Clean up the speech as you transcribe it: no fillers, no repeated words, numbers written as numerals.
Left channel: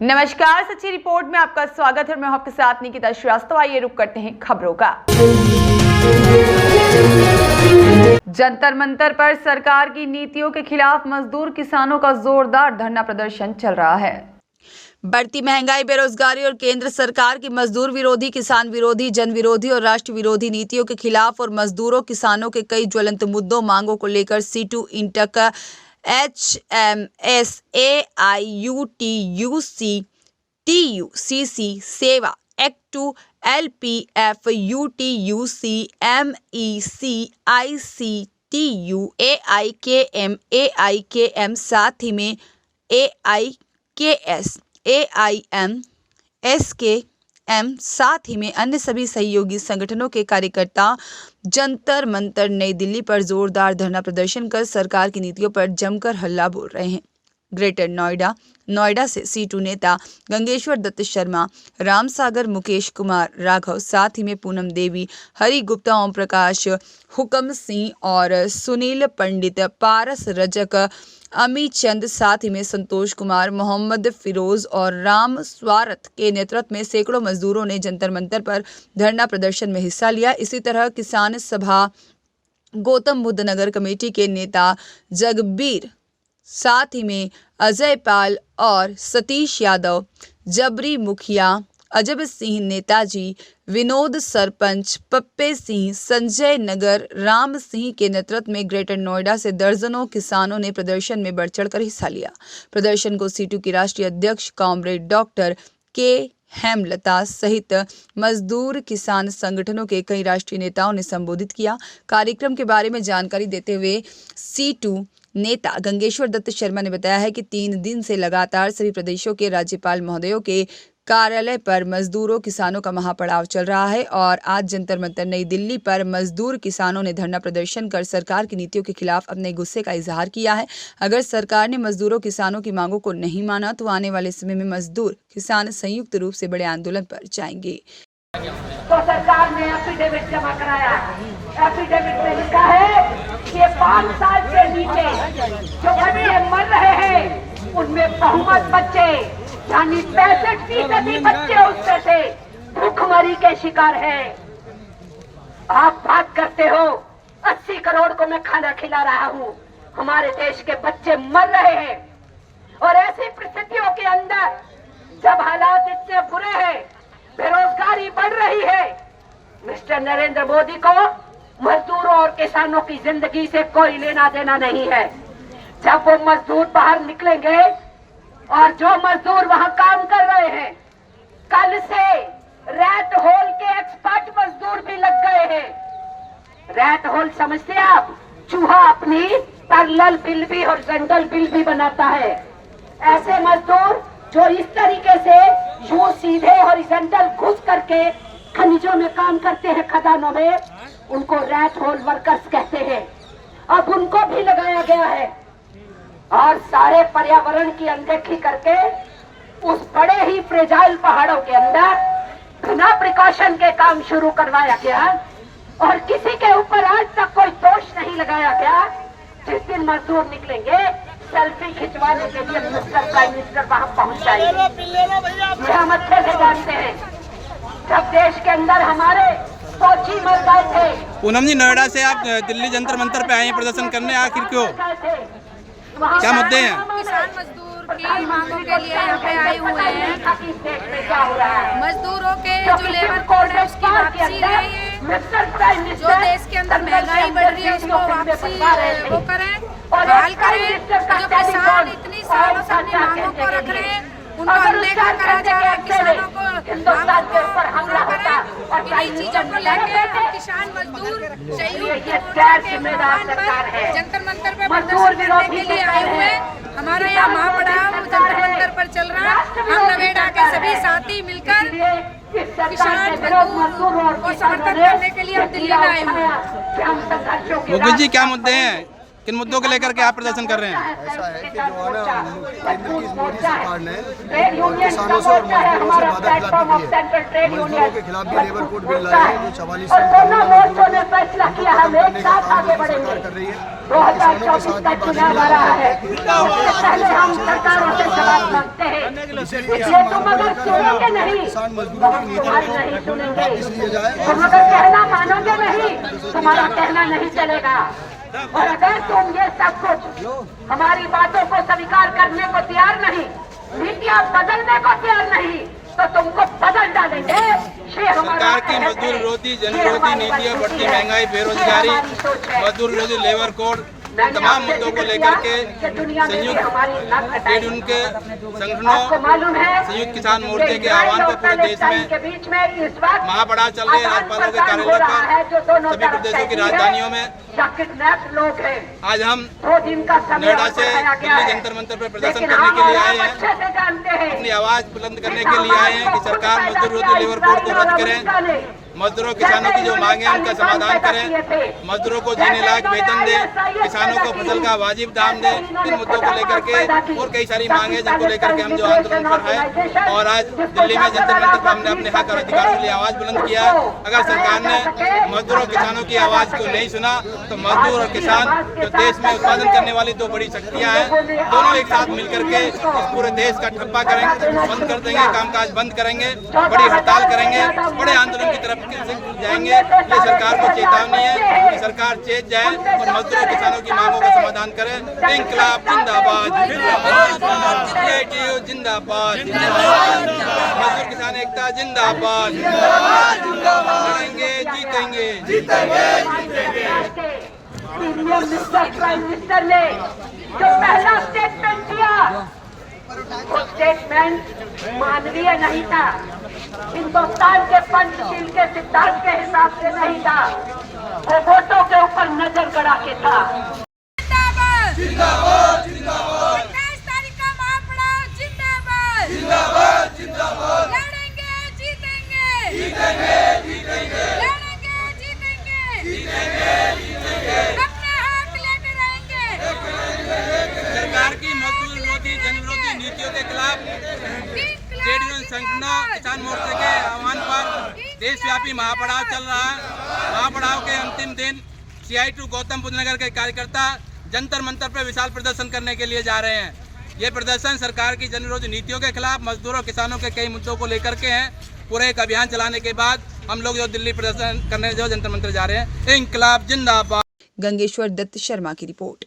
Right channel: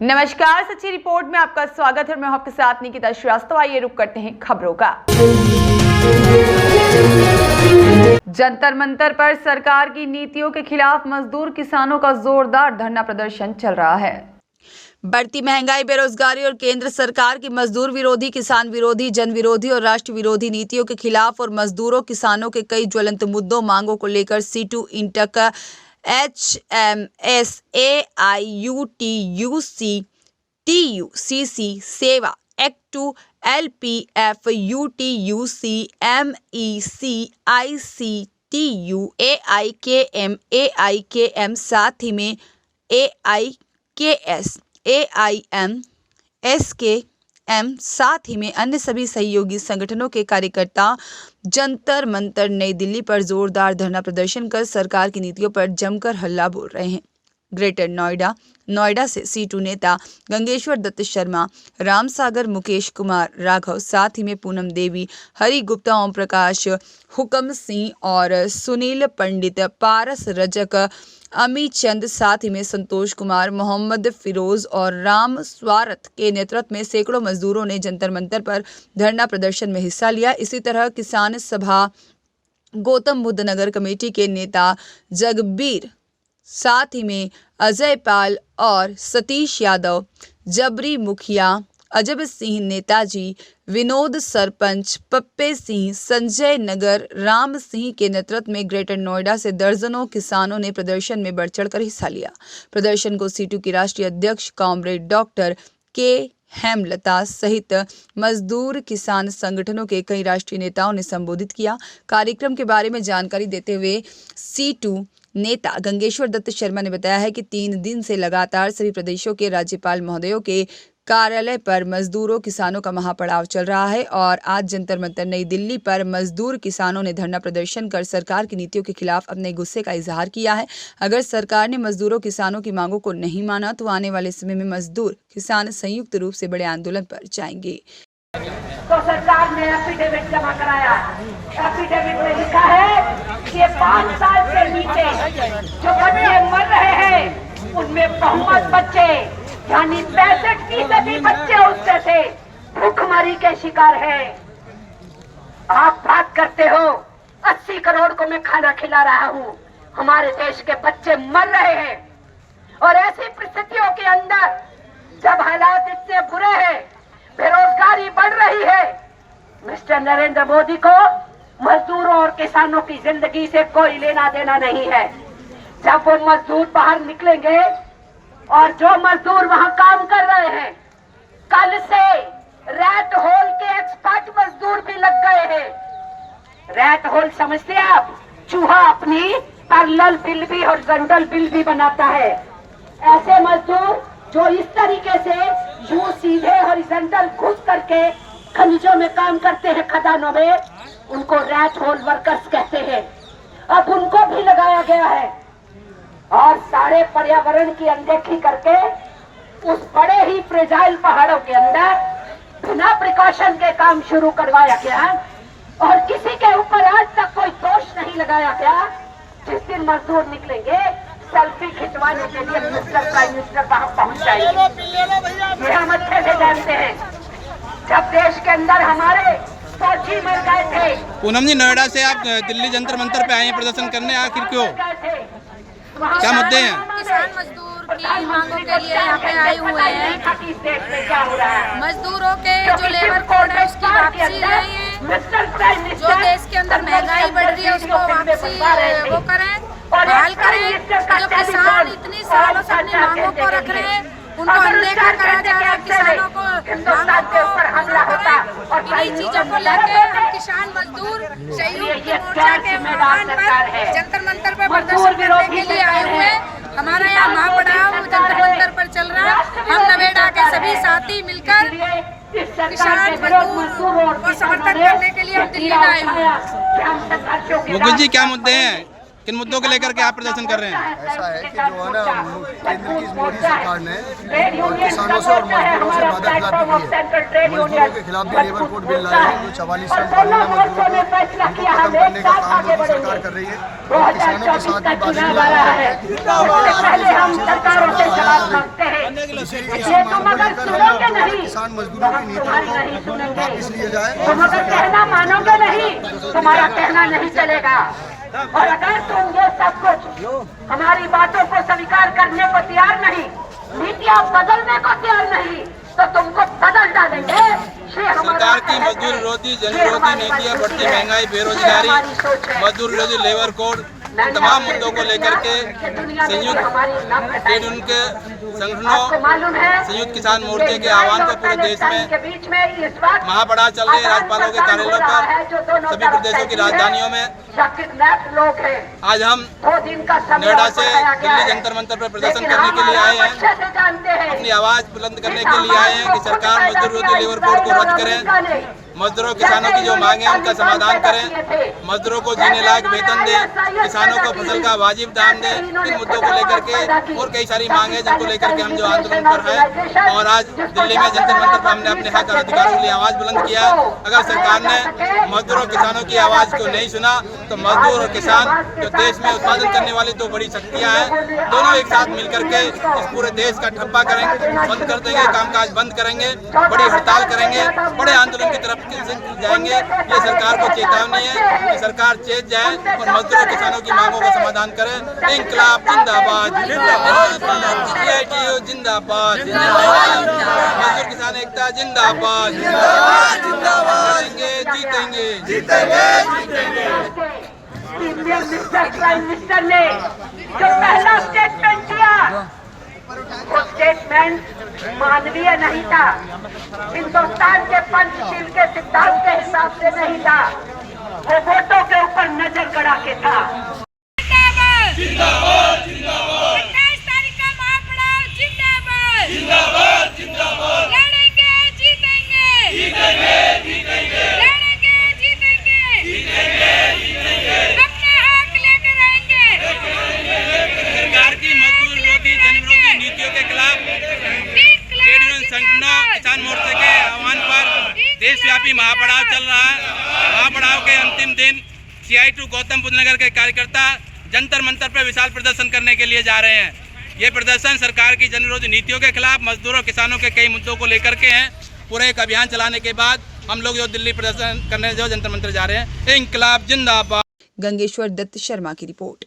नमस्कार, सच्ची रिपोर्ट में आपका स्वागत है। मैं हूं आपके साथ निकिता श्रीवास्तव। आइए रुक करते हैं खबरों का। जंतर मंतर पर सरकार की नीतियों के खिलाफ मजदूर किसानों का जोरदार धरना प्रदर्शन चल रहा है। बढ़ती महंगाई, बेरोजगारी और केंद्र सरकार की मजदूर विरोधी, किसान विरोधी, जन विरोधी और राष्ट्र विरोधी नीतियों के खिलाफ और मजदूरों किसानों के कई ज्वलंत मुद्दों मांगों को लेकर C2 INTUC HMS AIUTUC TUCC सेवा act 2 LPF UTUC MEC ICTU AIKM साथ ही में AIKS AIM SKM साथ ही में अन्य सभी सहयोगी संगठनों के कार्यकर्ता जंतर मंतर नई दिल्ली पर जोरदार धरना प्रदर्शन कर सरकार की नीतियों पर जमकर हल्ला बोल रहे हैं। ग्रेटर नोएडा से C2 नेता गंगेश्वर दत्त शर्मा, राम सागर, मुकेश कुमार राघव, साथ ही में पूनम देवी, हरि गुप्ता, ओम प्रकाश, हुकम सिंह और सुनील पंडित, पारस रजक, अमी चंद, साथ ही में संतोष कुमार, मोहम्मद फिरोज और राम स्वारथ के नेतृत्व में सैकड़ों मजदूरों ने जंतर मंतर पर धरना प्रदर्शन में हिस्सा लिया। इसी तरह किसान सभा गौतम बुद्ध नगर कमेटी के नेता जगबीर, साथ ही में अजय पाल और सतीश यादव, जबरी मुखिया, अजब सिंह, नेताजी, विनोद सरपंच, पप्पे सिंह, संजय नगर, राम सिंह के नेतृत्व में ग्रेटर नोएडा से दर्जनों किसानों ने प्रदर्शन में बढ़ चढ़कर हिस्सा लिया। प्रदर्शन को C2 की राष्ट्रीय अध्यक्ष कॉमरेड डॉक्टर के हेमलता सहित मजदूर किसान संगठनों के कई राष्ट्रीय नेताओं ने संबोधित किया। कार्यक्रम के बारे में जानकारी देते हुए C2 नेता गंगेश्वर दत्त शर्मा ने बताया है कि 3 दिन से लगातार सभी प्रदेशों के राज्यपाल महोदयों के कार्यालय पर मजदूरों किसानों का महापड़ाव चल रहा है और आज जंतर मंतर नई दिल्ली पर मजदूर किसानों ने धरना प्रदर्शन कर सरकार की नीतियों के खिलाफ अपने गुस्से का इजहार किया है। अगर सरकार ने मजदूरों किसानों की मांगों को नहीं माना तो आने वाले समय में मजदूर किसान संयुक्त रूप से बड़े आंदोलन पर जाएंगे। तो सरकार ने एफिडेविट जमा कराया। एफिडेविट में लिखा है कि 5 साल से नीचे जो बच्चे मर रहे हैं उनमें बहुमत बच्चे यानी 65% बच्चे उससे से भूखमरी के शिकार हैं। आप बात करते हो 80 करोड़ को मैं खाना खिला रहा हूँ, हमारे देश के बच्चे मर रहे हैं। और ऐसी परिस्थितियों के अंदर जब हालात इतने बुरे हैं, बेरोजगारी बढ़ रही है, मिस्टर नरेंद्र मोदी को मजदूरों और किसानों की जिंदगी से कोई लेना देना नहीं है। जब वो मजदूर बाहर निकलेंगे और जो मजदूर वहां काम कर रहे हैं, कल से रैट होल के एक्सपर्ट मजदूर भी लग गए हैं। रैट होल समझते हैं आप? चूहा अपनी पैरेलल बिल भी हॉरिजॉन्टल बिल भी बनाता है। ऐसे मजदूर जो इस तरीके से यूं सीधे हॉरिजॉन्टल घुस करके खनिजों में काम करते हैं, खदानों में, उनको रैट होल वर्कर्स कहते हैं। अब उनको भी लगाया गया है और सारे पर्यावरण की अनदेखी करके उस बड़े ही फ्रेजाइल पहाड़ों के अंदर बिना प्रिकॉशन के काम शुरू करवाया गया और किसी के ऊपर आज तक कोई दोष नहीं लगाया गया। जिस दिन मजदूर निकलेंगे सेल्फी खिंचवाने के लिए मिस्टर प्राइम मिनिस्टर वहां पहुंच जाएंगे। हम अच्छे से जानते हैं जब देश के अंदर हमारे फौजी मर गए थे। पूनम जी, नोएडा से आप दिल्ली जंतर मंतर पे आए हैं प्रदर्शन करने, आखिर क्यों? क्या मुद्दे हैं? किसान मजदूर की मांगों के लिए यहाँ पे आए हुए हैं। मजदूरों के जो लेबर कोड है उसकी वापसी नहीं है। जो देश के अंदर महंगाई बढ़ रही है उसको वापसी वो करें, बहाल करें। जो किसान इतनी सालों से अपनी मांगों को रख रहे हैं उनको अनदेखा करा जा रहा है। किसानों को इन्हीं चीजों को लेकर हम किसान मजदूर संयुक्त मोर्चा के मैदान पर जंतर मंतर पर प्रदर्शन करने के लिए आए हुए हैं। हमारा यहाँ महापड़ाव जंतर मंतर पर चल रहा है। हम नोएडा के सभी साथी मिलकर किसान मजदूर को समर्थन करने के लिए हम दिल्ली में आए हुए हैं। मुकुल जी, क्या मुद्दे हैं? किन मुद्दों को लेकर के आप प्रदर्शन कर रहे हैं? ऐसा है कि जो है ना केंद्र की मोदी सरकार ने और किसानों से और मजदूरों से वादा खिलाफी की है। मजदूरों के खिलाफ भी लेबर कोड बिल लाए हैं, जो 44 श्रम कानून है मजदूरों को उनको खत्म करने का काम मोदी सरकार कर रही है और किसानों के साथ भी वादा खिलाफी इसी मांग को लेकर हम किसान मजदूरों की नीति को वापस लिए जाए। मानोगे नहीं, तुम्हारा कहना नहीं चलेगा। और अगर तुम ये सब कुछ हमारी बातों को स्वीकार करने को तैयार नहीं, नीतियाँ बदलने को तैयार नहीं, तो तुमको बदल डालेंगे। सरकार की मजदूर विरोधी जन विरोधी नीतियाँ, बढ़ती महंगाई, बेरोजगारी, मजदूर विरोधी लेबर कोड, इन तमाम मुद्दों को लेकर के संयुक्त ट्रेड यूनियन के संगठनों, संयुक्त किसान मोर्चे के आह्वान पर पूरे देश में महापड़ाव चल रहे हैं। राज्यपालों के कार्यालयों पर, सभी प्रदेशों की राजधानियों में। आज हम नोएडा से दिल्ली जंतर मंतर पर प्रदर्शन करने के लिए आए हैं। अपनी आवाज बुलंद करने के लिए आए हैं कि सरकार मजदूर विरोधी लेबर कोड को रद्द करें, मजदूरों किसानों की जो मांगे हैं उनका समाधान करें, मजदूरों को जीने लायक वेतन दें, किसानों को फसल का वाजिब दाम दें। इन मुद्दों को लेकर के और कई सारी मांगे जिनको लेकर के हम जो आंदोलन पर है और आज दिल्ली में जंतर मंतर पर हमने अपने हक और अधिकारों के लिए आवाज बुलंद किया। अगर सरकार ने मजदूरों किसानों की आवाज को नहीं सुना तो मजदूर और किसान जो देश में उत्पादन करने वाली दो बड़ी शक्तियाँ हैं, दोनों एक साथ मिलकर के इस पूरे देश का ठप्पा करेंगे, बंद कर देंगे, कामकाज बंद करेंगे, बड़ी हड़ताल करेंगे, बड़े आंदोलन की तरफ जाएंगे। ये सरकार को चेतावनी है कि सरकार चेत जाए और मजदूरों किसानों की मांगों का समाधान करे। इंकलाब जिंदाबाद, CITU जिंदाबाद, मजदूर किसान एकता जिंदाबाद, जीतेंगे जीतेंगे। प्राइम मिनिस्टर ने जो पहला स्टेटमेंट दिया, वो स्टेटमेंट मानवीय नहीं था, हिंदुस्तान के पंचशील के सिद्धांत के हिसाब से नहीं था, वो वोटों के ऊपर नजर गड़ा के था। जिंदाबाद जिंदाबाद जिंदाबाद 27 तारीख का महापड़ाव जिंदाबाद जिंदाबाद जिंदाबाद। लड़ेंगे जीतेंगे जीतेंगे जीतेंगे, लड़ेंगे जीतेंगे जीतेंगे जीतेंगे, अपने हक लेके रहेंगे। सरकार की मजदूर विरोधी जन विरोधी नीतियों के खिलाफ ट्रेड यूनियन संगठनों, किसान मोर्चे के आह्वान पर देशव्यापी महापड़ाव चल रहा है। महापड़ाव के अंतिम दिन CITU गौतम बुद्ध नगर के कार्यकर्ता जंतर मंतर पर विशाल प्रदर्शन करने के लिए जा रहे हैं। ये प्रदर्शन सरकार की जन विरोधी नीतियों के खिलाफ, मजदूरों किसानों के कई मुद्दों को लेकर के हैं। पूरे एक अभियान चलाने के बाद हम लोग जो दिल्ली प्रदर्शन करने जो जंतर मंतर जा रहे हैं। इंकलाब जिंदाबाद। गंगेश्वर दत्त शर्मा की रिपोर्ट।